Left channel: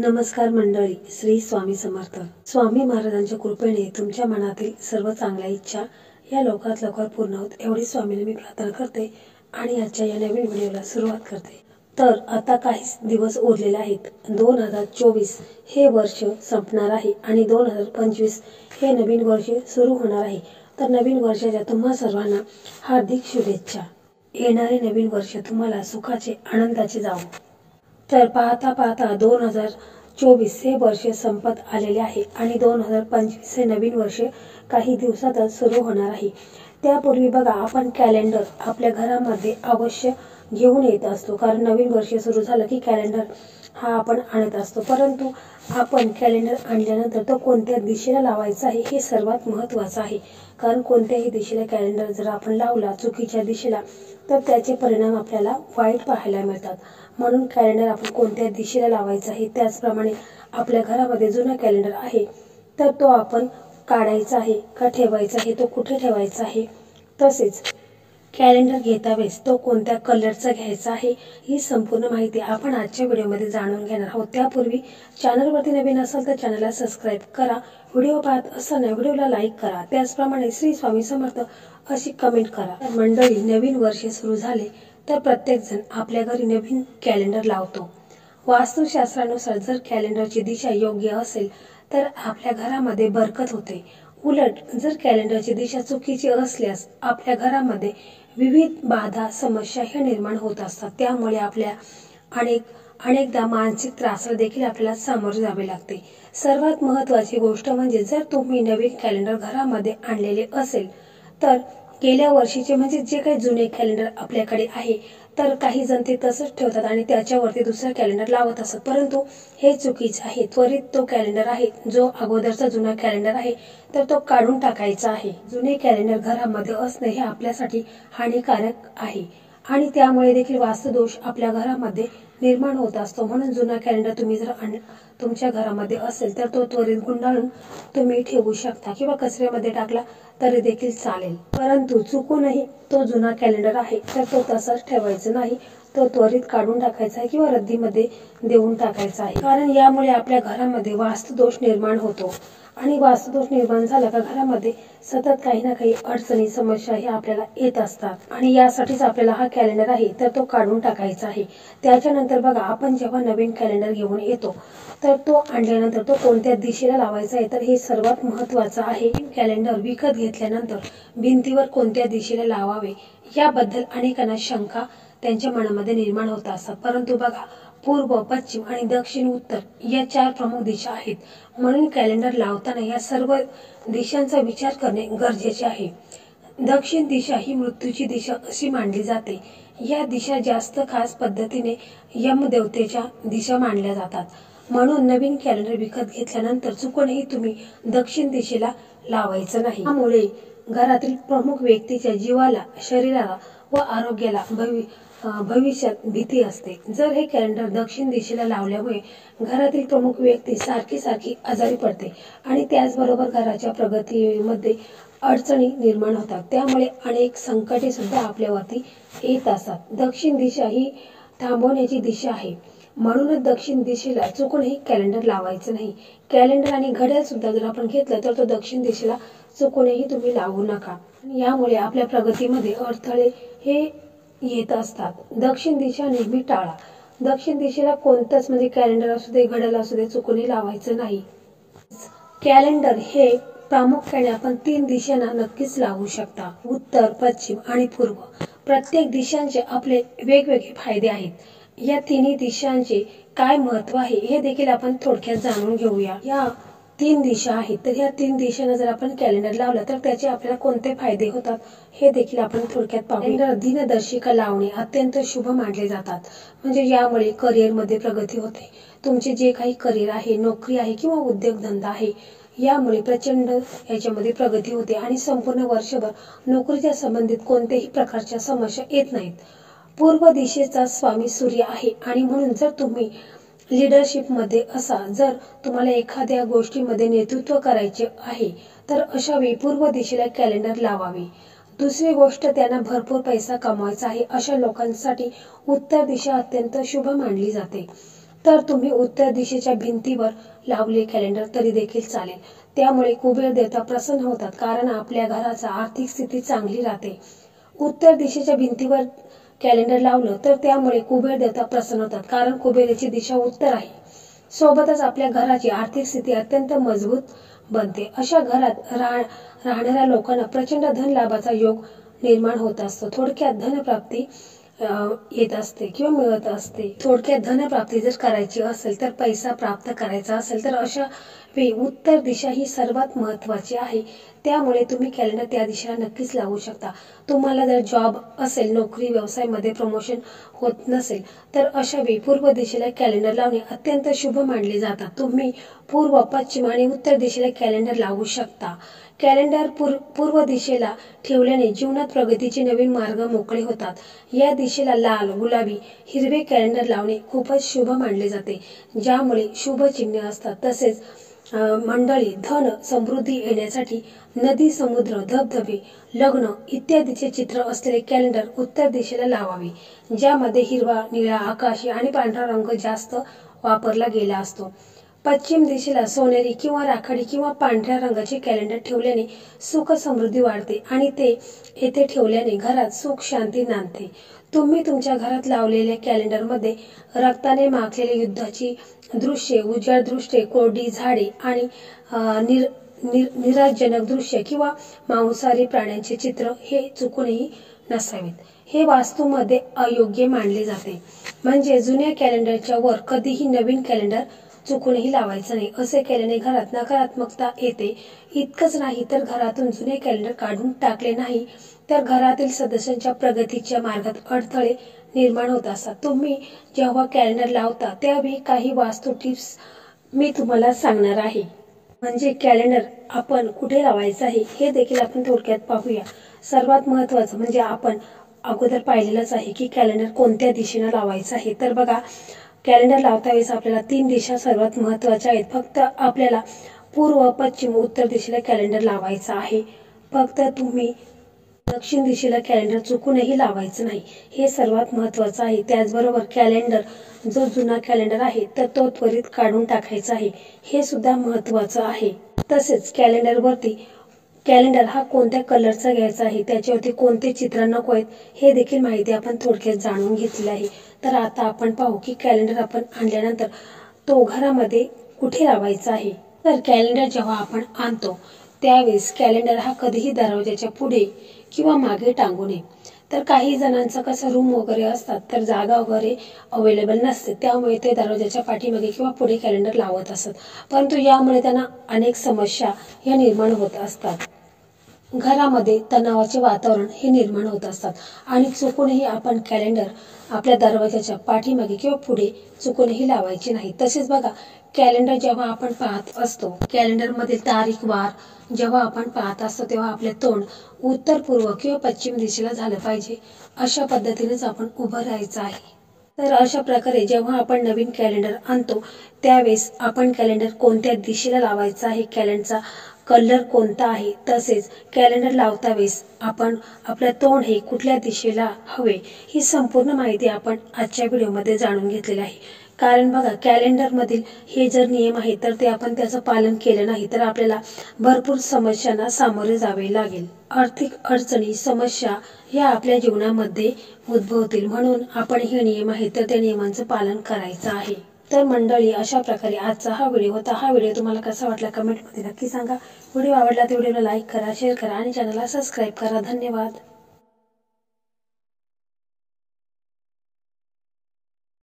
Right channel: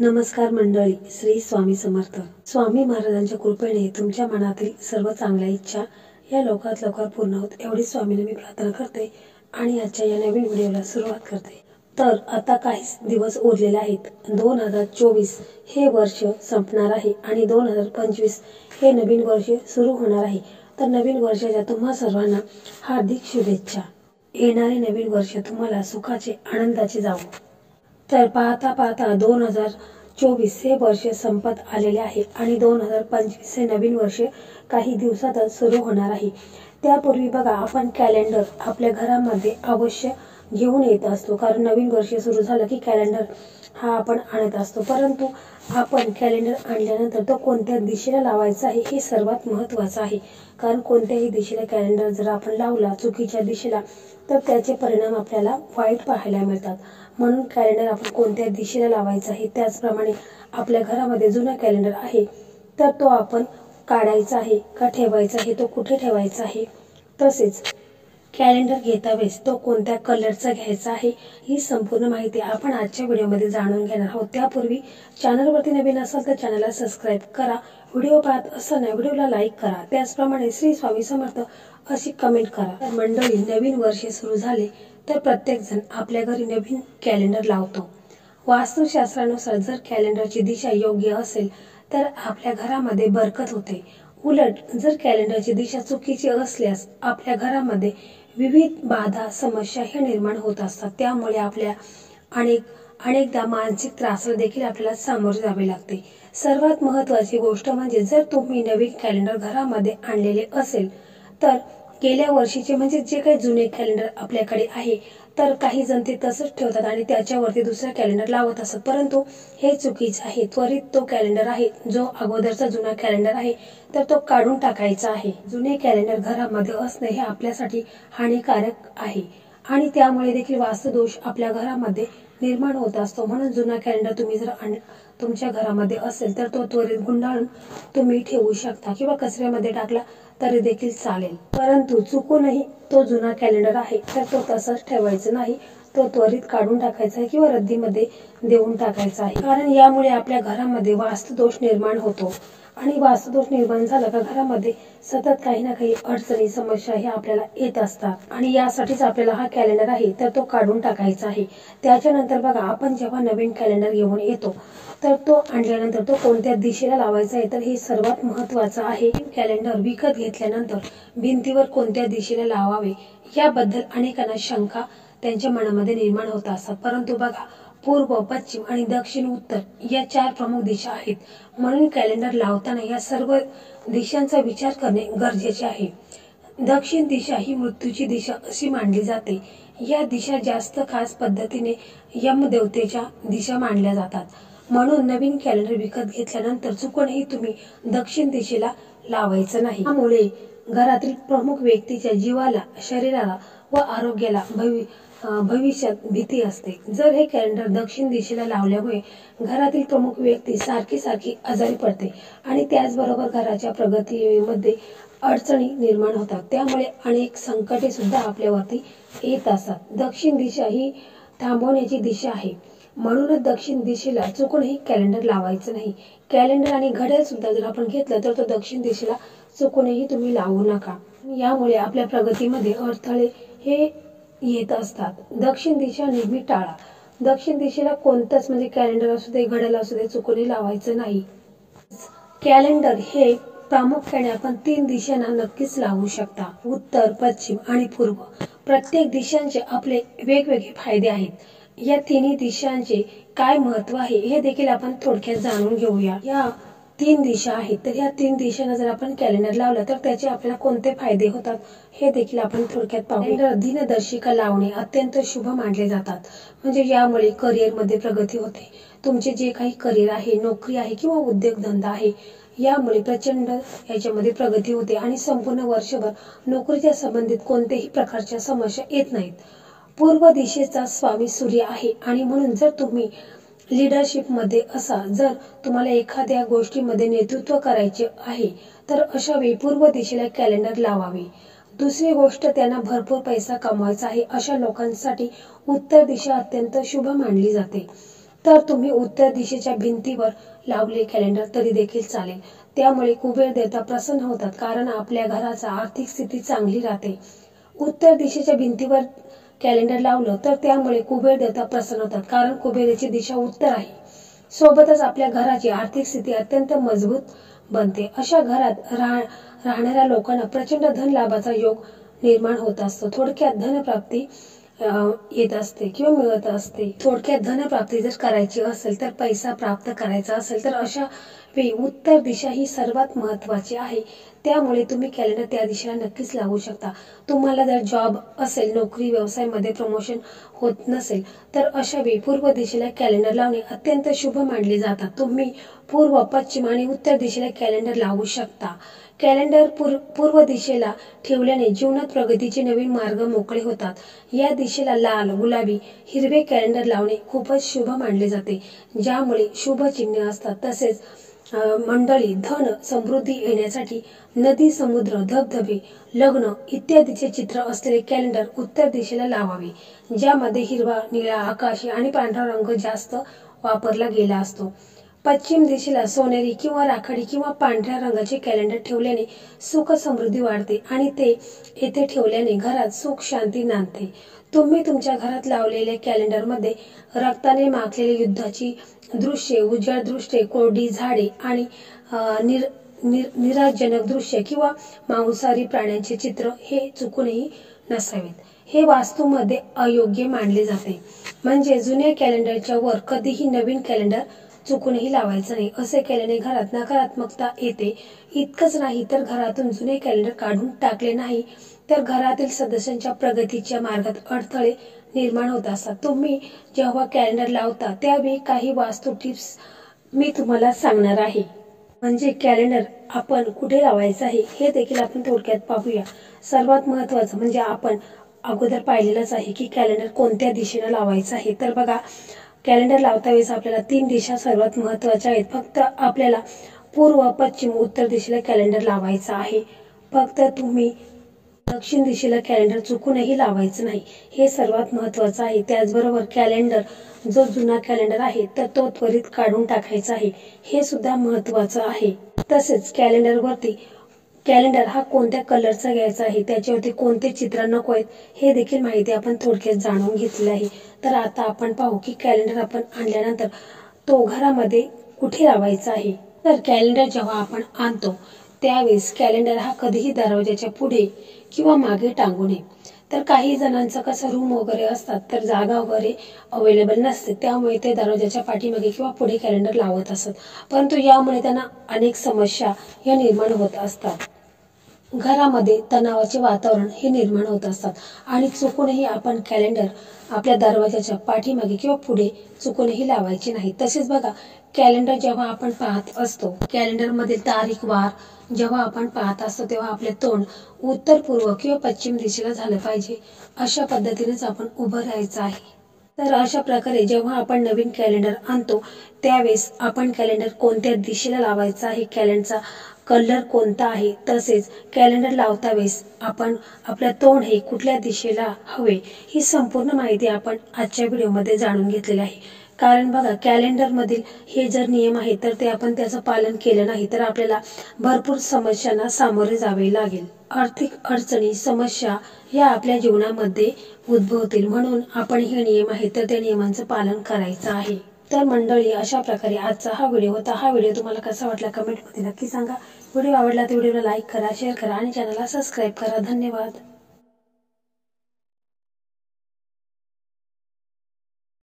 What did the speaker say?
नमस्कार मंडळी, श्री स्वामी समर्थ. स्वामी महाराजांच्या कृपेने तुमच्या मनातील सर्व चांगल्या इच्छा या लवकरात लवकर पूर्ण होत एवढी स्वामीने मी प्रार्थना करते आणि आजच्या या नवीन व्हिडिओला सुरुवात करते. तर आता काहीच दिवस उरलेले आहेत. 2024 हे वर्ष संपणार आहे आणि 2025 हे नवीन वर्ष सुरू होणार आहे. तर नवीन वर्षाच्या तुम्हा सर्वांना हार्दिक शुभेच्छा. येणारे नवीन वर्ष तुम्हाला सुखाचे आनंदाचे जावो. तर पाहता पाहता 2024 हे वर्ष संपत आलेले आहे आणि 2025 हे नवीन वर्ष काही दिवसातच सुरू होणार आहे. त्यापूर्वी बघा, आपण कॅलेंडर आपल्या घरामध्ये अवश्य घेऊन येत असतो, कारण नवीन वर्ष सुरू झालं की कॅलेंडर हा आपण आणत असतो. परंतु आपण कॅलेंडर आणल्यानंतर तो कोणत्या दिशेला लावायचा आहे हे सर्वात महत्त्वाचं आहे. कारण कोणत्याही दिशेला कॅलेंडर जर आपण लावला चुकीच्या दिशेला तर त्याचे परिणाम आपल्याला वाईट पाहायला मिळतात. म्हणून कॅलेंडर आपण कोणत्या दिशेला लावायचं आहे. त्याचप्रमाणे आपल्या घरामध्ये जुना कॅलेंडर आहे तर तो आपण काढायचा आहे का ठेवायचा आहे, तो कुठे ठेवायचा आहे, तसेच कॅलेंडर घेता वेळेस तो कोणत्या कलरचा घ्यायचा आहे ही संपूर्ण माहिती आपण आजच्या व्हिडिओमध्ये जाणून घेणार आहोत. त्यापूर्वी चॅनलवरती नवीन असाल तर चॅनलला सबस्क्राईब करा. व्हिडिओ पाहत असताना व्हिडिओला लाईक करा. त्याचप्रमाणे श्री स्वामी समर्थ अशी कमेंट करा. मंडळी, नवीन वर्ष सुरू झाले तर प्रत्येक जण आपल्या घरी नवीन कॅलेंडर लावतो. वास्तुशास्त्रानुसार जर कॅलेंडरची दिशा योग्य असेल तर आपल्या घरामध्ये बरकत होते. उलट जर कॅलेंडरची दिशा चुकीची असल्यास आपल्या घरामध्ये विविध बाधा समस्या ह्या निर्माण होत असतात. त्यामुळे आपल्या अनेकदा मानसिक त्रासाला देखील आपल्याला सामोरे जावे लागते. सर्वात महत्त्वाची गोष्ट म्हणजे जर तुम्ही नवीन कॅलेंडर घरामध्ये आणलेले असेल तर गेल्या वर्षीचे म्हणजे जे काही जुने कॅलेंडर आपल्याकडे आहे तर काही जण ते तसंच ठेवतात आणि त्याच्यावरती दुसरा कॅलेंडर लावत असतात. परंतु हे चुकीचं आहे. त्वरित तो कॅलेंडर आहे जो अगोदरचा जुना कॅलेंडर आहे तर तो काढून टाकायचा आहे. जुने कॅलेंडर घरामध्ये असणे हे आपल्यासाठी हानिकारक आहे आणि त्यामुळे देखील वास्तुदोष आपल्या घरामध्ये निर्माण होत असतो. म्हणून जुना कॅलेंडर तुम्ही जर तुमच्या घरामध्ये असेल तर तो त्वरित गुंडाळून तुम्ही ठेवू शकता किंवा कचऱ्यामध्ये टाकला तरी देखील चालेल. परंतु चुकूनही तो जुना कॅलेंडर आहे तर तो तसाच ठेवायचा नाही. तो त्वरित काढून टाकायचा आहे किंवा रद्दीमध्ये देऊन टाकायचा आहे. कारण यामुळे आपल्या घरामध्ये वास्तुदोष निर्माण होतो आणि वास्तुदोष निर्माण झाला का घरामध्ये सतत काही ना काही अडचणी समस्या हे आपल्याला येत असतात आणि यासाठीच आपल्याला हा कॅलेंडर आहे तर तो काढून टाकायचा आहे. त्याच्यानंतर बघा, आपण जेव्हा नवीन कॅलेंडर घेऊन येतो तर तो आणल्यानंतर तो कोणत्या दिशेला लावायचा आहे तर हे सर्वात महत्त्वाचं आहे. कॅलेंडर विकत घेतल्यानंतर भिंतीवर कोणत्या दिशेला लावावे याबद्दल अनेकांना शंका त्यांच्या मनामध्ये निर्माण होत असतात. परंतु बघा, पूर्व, पश्चिम आणि दक्षिण, उत्तर या 4 प्रमुख दिशा आहेत. म्हणून कॅलेंडर लावताना या सर्व दिशांचा विचार करणे गरजेचे आहे. दक्षिण दिशा ही मृत्यूची दिशा अशी मानली जाते. या दिशा जास्त खास पद्धतीने यमदेवतेच्या दिशा मानल्या जातात. म्हणून नवीन कॅलेंडर विकत घेतल्यानंतर चुकूनही तुम्ही दक्षिण दिशेला लावायचं नाही. त्यामुळे घरातील प्रमुख व्यक्तीच्या जीवाला, शरीराला व आरोग्याला भविष्यात भीती असते. जर हे कॅलेंडर दक्षिण दिशेला लावल्यामुळे घरातील प्रमुख व्यक्ती सारखी आजारी पडते आणि त्याचबरोबर घराच्या प्रगतीमध्ये अडचणी निर्माण होतात. त्यामुळे अनेक संकटे सुद्धा आपल्यावरती येत असतात. दक्षिण दिशा ही थांबवण्याची दिशा आहे. म्हणूनच दक्षिण दिशेला चुकूनही कॅलेंडर लावायचं नाही. कॅलेंडर आणि घड्याळ सुद्धा जर आपण घेतलं तर तो दक्षिण दिशेला चुकूनही तुम्ही लावू नका. यामुळे आपल्या प्रगतीमध्ये अडथळे हे येत असतात. दक्षिण दिशा नेहमी टाळा. दक्षिण दिशेला कोणतंच म्हणजे कॅलेंडर असू दे, घड्याळ असू दे, चुकूनही लावायचं नाही. कॅलेंडर हे प्रामुख्याने आपण 3 दिशांना नक्कीच लावू शकता. उत्तर, पश्चिम आणि पूर्व. प्रत्येक दिशांचे आपले वेगवेगळे फायदे आहेत. या तिन्ही दिशांचे काय महत्त्व आहे हे देखील आपण थोडक्यात जाणून घेऊया. या 3 दिशा आहेत तर ह्या 3 दिशांना जर आपण कॅलेंडर लावला तर त्याचे आपल्याला कोणते फायदे होतात हे देखील आपण थोडक्यात पाहू. कॅलेंडर दिनदर्शिका लावणे अत्यंत शुभ मानले जातात. म्हणजे यामुळे करिअरमध्ये प्रगती होते. तुमचे जे काही करिअर आहे, नोकरी आहे किंवा उद्योगधंदा आहे यामुळे प्रचंड याच्यामध्ये प्रगती होते आणि संपूर्ण वर्षभर नोकरीच्या संबंधित कोणत्याही प्रकारच्या समस्या येत नाहीत. पूर्व दिशेचा स्वामी सूर्य आहे आणि म्हणून जर तुम्ही लीडरशिपमध्ये असा, जर तुम्हाला एखाद्या गोष्टीमध्ये नेतृत्व करायचे आहे तर अशा वेळी पूर्व दिशेला कॅलेंडर लावावे. दुसरी गोष्ट, त्यांना भरपूर पैसा कमवायचा आहे अशा लोकांसाठी उत्तर दिशा अत्यंत शुभ मानली जाते. तर तुम्ही उत्तर दिशेच्या भिंतीवर लावले कॅलेंडर तरी देखील चालेल। त्यामुळे कुबेर देवता प्रसन्न होतात, कारण आपल्या घराचा आर्थिक स्थिती चांगली राहते। उत्तर दिशेच्या भिंतीवर कॅलेंडर लावलं तर त्यामुळे कुबेर देवता प्रसन्न होतात, कारण कुबेराची दिशा उत्तर आहे। सोबतच आपल्या घराची आर्थिक स्थिती अत्यंत मजबूत बनते। अशा घरात राहणाऱ्या लोकांना प्रचंड धन लाभाचा योग निर्माण होत असतो। थोडक्यात धनप्राप्ती येत असते किंवा मिळत असते। थोडक्यात धनप्राप्ती जर करायची असेल तर पैसा प्राप्त करायचा असेल तर अशा वेळी उत्तर दिशा ही सर्वात महत्त्वाची आहे। त्यामुळे तुम्ही कॅलेंडर त्या दिशेला नक्कीच लावू शकता। तुम्हाला जर जॉब असेल, नोकरी व्यवसायामध्ये प्रमोशन होत नसेल तर अशा वेळी पूर्व दिशेला कॅलेंडर लावणे अत्यंत शुभ मानले जातात। तुम्ही पूर्व, पश्चिम आणि उत्तर दिशेला कॅलेंडर लावू शकता। कॅलेंडर पूर्व दिशेला ठेवल्याने जीवनात प्रगतीचे नवीन मार्ग मोकळे होतात। या दिशेला लाल, गुलाबी, हिरवे कॅलेंडर लावणे खूपच शुभ मानले जाते, ज्यामुळे शुभ चिन्ह असतात। तसेच मंडळी, धन समृद्धी येण्यासाठी नदी, समुद्र, धबधबे, लग्न इत्यादीचे चित्र असलेले कॅलेंडर उत्तर दिशेला लावावे, ज्यामध्ये हिरवा, निळा, आकाशी आणि पांढरा रंग जास्त वापरला गेला असतो। पश्चिम दिशेला सोनेरी किंवा राखाडी किंवा पांढऱ्या रंगाचे कॅलेंडर ठेवल्याने सुख समृद्धी वाढते आणि ते येथे ठेवल्याने घरात सुख शांती नांदते। तुम्ही तुमच्या घरात लावलेल्या कॅलेंडरमध्ये रक्ताने माखलेले युद्धाची दृश्ये, उजाड दृश्ये, कोरडी झाडे आणि निराशजनक दृश्य किंवा मांसाहारी प्राण्यांचे चित्र हे चुकूनही नसावेत। हे वास्तूमध्ये अयोग्य मानले जाते। म्हणजे जुन्या कॅलेंडरच्या वर कधीही नवीन कॅलेंडर चुकूनही लावायचं नाही। असे केल्याने घरात नकारात्मकता येते। इतकंच नाही तर घरातून जुने कॅलेंडर काढून टाकले नाही तर घरातील सदस्यांच्या प्रगतीच्या मार्गात अडथळे निर्माण होत असतात। तुम्ही जेव्हा कॅलेंडर लावता त्यावेळी काही वास्तू टिप्स मी तुम्हाला सांगणार आहे। म्हणजे कॅलेंडर आपण कुठे लावायचं आहे हे देखील आपण थोडक्यात पाहूया। सर्वात महत्त्वाचं म्हणजे आपण अगोदर पाहिलेलंच आहे की कॅलेंडर कोणत्या दिशेने लावायचं आहे। तर बघा, कॅलेंडर लावता वेळेस आपल्याला 3 दिशा सर्वात महत्त्वाच्या आहेत। फक्त आपल्याला पूर्व, पश्चिम, उत्तर दिशेला कॅलेंडर लावायचं आहे। फक्त तुम्ही दक्षिण दिशेला कॅलेंडर चुकूनही लावायचं नाही, हे सर्वात महत्त्वाचं आहे। त्याचबरोबर कॅलेंडर जो जुना कॅलेंडर आहे तर तो त्वरित काढून टाकायचा आहे, हे सुद्धा महत्त्वाचं आहे। तसेच कॅलेंडर हा कोणत्या कलरचा घ्यायचा आहे, त्याच्यावरती कोणते चित्र नको आहेत हे देखील माहिती आपण थोडक्यात जाणून घेतलेली आहे। तर आता आपण पाहू की कॅलेंडर आपण आणल्यानंतर तो घरामध्ये कुठे लावायचा आहे। तर कॅलेंडर जेव्हा आपण आणतो त्यावेळेस कॅलेंडर हा कधीही दरवाजाच्या पुढे किंवा मागे टांगू नये। तर काही जणांचं कसं रूम वगैरे असतात तर जागा वगैरे अवेलेबल नसते, त्यामुळे ते दरवाजाच्या पाठीमागे किंवा पुढे कॅलेंडर लावत असतात, परंतु यामुळे त्यांना अनेक समस्या या निर्माण होत असतात। घरामध्ये तणावाचे वातावरण हे निर्माण होत असतात आणि चुकूनही आपण कॅलेंडर आपल्या दरवाजाच्या पाठीमागे किंवा पुढे चुकूनही लावायचे नाही। तसेच बघा, कॅलेंडर जेव्हा आपण पाहत असतो, कॅलेंडरमधील तारीख वार जेव्हा आपण पाहत असतो तेव्हा आपले तोंड उत्तर, पूर्व किंवा पश्चिम दिशेला झालं पाहिजे, अशा पद्धतीनेच आपण उभं राहायचं आहे। तर अशा प्रकारे जेव्हा आपण नवीन कॅलेंडर आणतो त्यावेळेस आपण कॅलेंडर कोणत्या दिशेला लावायचं आहे, कॅलेंडरचा कलर कोणता आहे, तसेच कॅलेंडर लावता वेळेस आपण आपलं तोंड हे कुठल्या दिशेला हवे, ही संपूर्ण माहिती आपण आजच्या व्हिडिओमध्ये जाणून घेतलेली आहे। कारण बघा, कॅलेंडरमधील हे जर नियम आहेत तर ते आपण त्याचं पालन केलं नाही तर आपल्याला भरपूर समस्यांना सामोरे जावे लागेल। आर्थिक अडचणी, समस्या या आपल्या जीवनामध्ये उद्भवतील, म्हणून आपण हे नियम आहेत तर त्या नियमांचं पालन करायचं आहे। तर मंडळी, अशा प्रकारे आजचा हा व्हिडिओ होता। हा व्हिडिओ तुम्हाला कसा वाटला कमेंटमध्ये नक्की सांगा। व्हिडिओ आवडला तर व्हिडिओला लाईक करा, शेअर करा आणि चॅनलला सबस्क्राईब करा। धन्यवाद।